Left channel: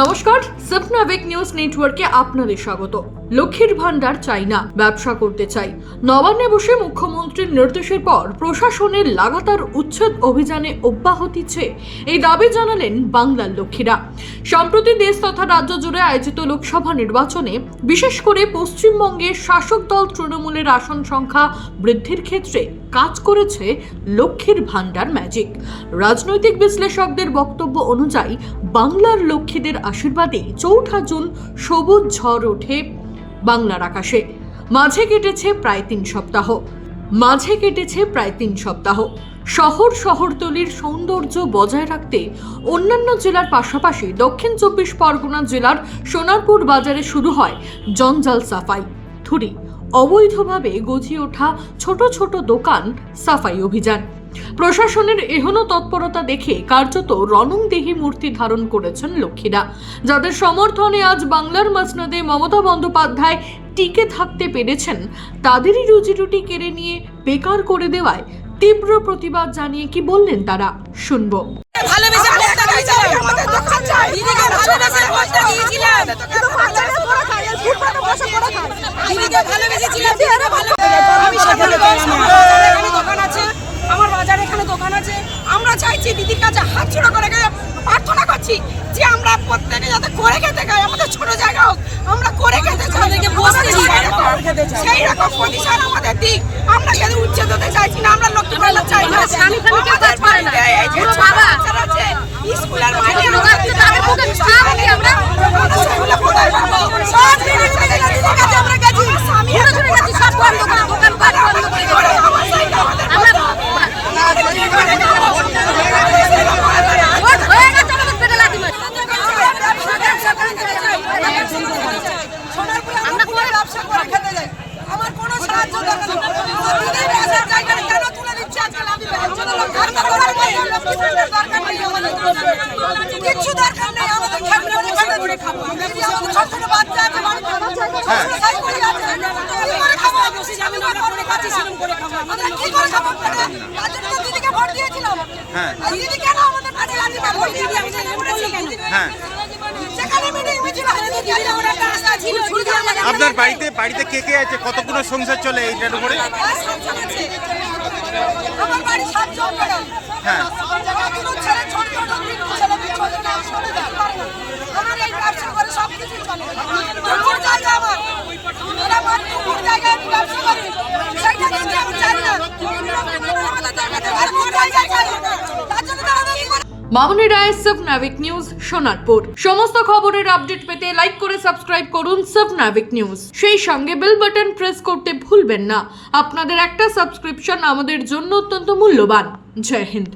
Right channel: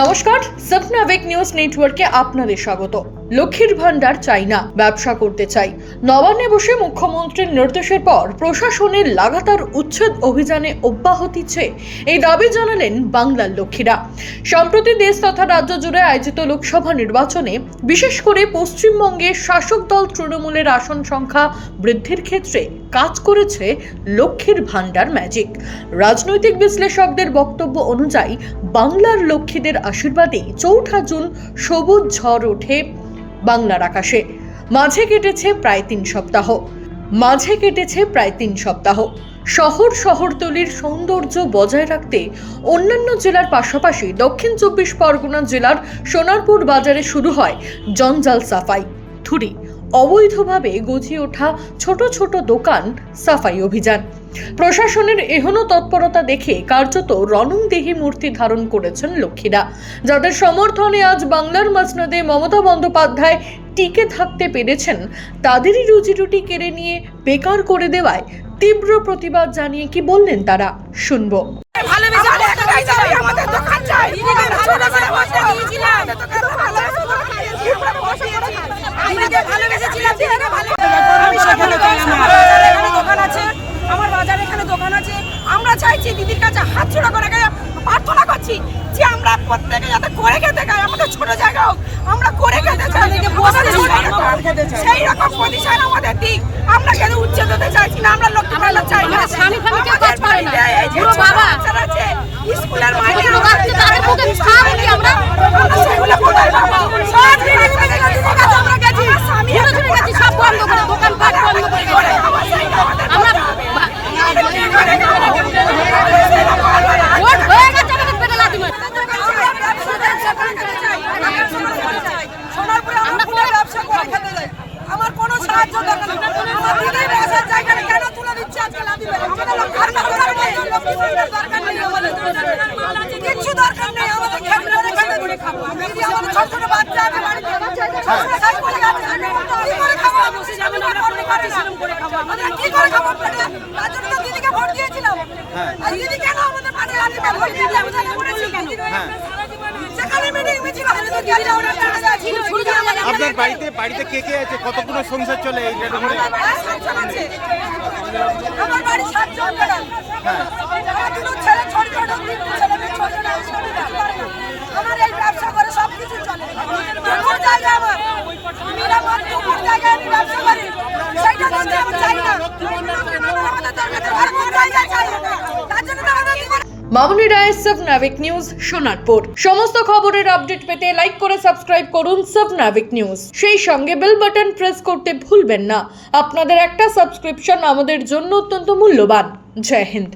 নমস্কার, সপনাবেক নিউজ নেটওয়ার্কে আপনাদের স্বাগত। লক্ষ্মীর ভান্ডার চাই না, ব্যবসা করতে চাই। নবান্নে বসে মুখ্যমন্ত্রীর নির্দেশের পর প্রশাসনের লাগাতার উচ্ছেদ অভিযানে অব্যাহতি চেয়ে এই দাবি জানালেন বাংলার লক্ষ্মীরা। সম্প্রতি দেশ তথা রাজ্য জুড়ে আয়োজিত লোকসভা নির্বাচনে বিশেষ করে পশ্চিমবঙ্গের শাসক দল তৃণমূলের আসন সংখ্যা বৃদ্ধির ক্ষেত্রে কাজ করেছে লক্ষ্মীর ভান্ডার ম্যাজিক। রাজনৈতিক বিশ্লেষকদের বক্তব্য অনুযায়ী বাংলার লক্ষ্মীদের আশীর্বাদে ৪ঠা জুন সবুজ ঝড় ওঠে বাংলার আকাশে। মাঝে কেটেছে প্রায় ৩ সপ্তাহ। শহরতলির সৌন্দর্য বজায় রাখতে অন্যান্য জেলার পাশাপাশি দক্ষিণ ২৪ পরগনা জেলার সোনারপুর বাজারে শুরু হয় জঞ্জাল সাফাই থুরি, অবৈধভাবে গজিয়ে ওঠা ছোট ছোট দোকান সাফাই অভিযান। প্রশাসনের এহেন তৎপরতা দেখে কার্যত রণংদেহী মূর্তি ধারণ করেছেন লক্ষ্মীরা, যাদের সমর্থনে আজ বাংলার মসনদে মমতা বন্দ্যোপাধ্যায় টিকে থাকতে পেরেছেন। তাদেরই রুজিরুটি কেড়ে নিয়ে বেকার করে দেওয়ায় তীব্র প্রতিবাদ জানিয়ে কি বললেন তারা, শুনবো। আমার বাজারে এখানে দোকান আছে। আমরা চাইছি দিদির কাছে হাত জোড়া করে প্রার্থনা করছি যে আমরা প্রত্যেকে যাতে করে খেতে খাই, আমাদের ছোট জায়গা হোক, আমরা করে খেতে চাই। সেই রকম প্রতিষ্ঠান আমাদের দিক। আমরা কেন উচ্ছেদ হতে চাইছি না, আমরা লক্ষ্মী ভান্ডার চাই না। আমাদের বাড়িতে এই যে ছোট বাচ্চারা আছে স্কুলের মাইনে আমরা সেগুলো কোথায় পাবো? আমার স্বামী সব বন্ধ দোকান পাট কি করে খাবো সেইটা আমাদের বলতে হবে। সোনারপুরে আমরা ফুলের ব্যবসা করে খেতে যাই, আমার কোনো সাহায্য দরকার নেই। আমার দিদি বসার জায়গাটা কেন তুলে দিচ্ছে আজকে লাভি বেরোচ্ছে না? লক্ষ্মী ভান্ডার দরকার নেই, আমাদের কিচ্ছু দরকার নেই। আমাদের খেতে করে খেতে খাবো। দিদি আমাদের ছোট ছোট বাচ্চা আছে বাড়িতে, কি করে খাবো? আমি করতে পারছি না, আমরা কি করে খাবো? তার জন্য দিদিকে ভোট দিয়েছিলাম। আর দিদি কেন আমাদের পাশে লাঠি ভোট দিয়ে আপনার বাড়িতে কে কে আছে? কতগুলো সংসার চলে এইটার উপরে? আমার বাড়ি 7 জন ম্যাডাম। হ্যাঁ, ছেলে ছোট ছোট 3 ছেলে মেয়ে 6 জন আমার এই ব্যবসা করে সব কিছু চলে। কোন জায়গা আমার কোন জায়গায় আমি ব্যবসা করি সেইটা কিন্তু আমি চাই না। আর কোন জায়গায় চাই তার জন্য তো আমাদের মামুনি রায়, সপনাবেক নিউজ, সোনারপুর। সমস্ত খবরের আপডেট পেতে লাইক করে সাবস্ক্রাইব করুন সপনাবেক নিউজ। সেই সঙ্গে বেল বাটন প্রেস করতে ভুলবেন না। আপনাদের একটা সাবস্ক্রিপশন আমাদের জন্য অত্যন্ত মূল্যবান। জয় হিন্দ।